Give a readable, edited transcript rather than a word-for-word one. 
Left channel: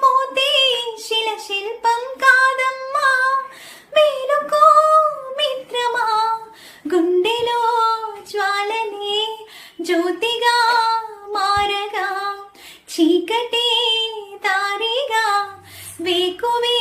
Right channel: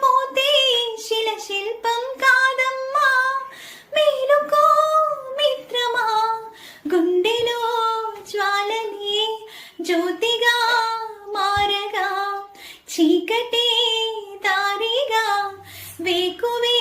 లేకపోతే శిల శిల్పం కాదమ్మా. మేలుకో మిత్రమా, గుండెలో జ్వాలనే జ్యోతిగా మారగా, చీకటి దారిగా వేకువే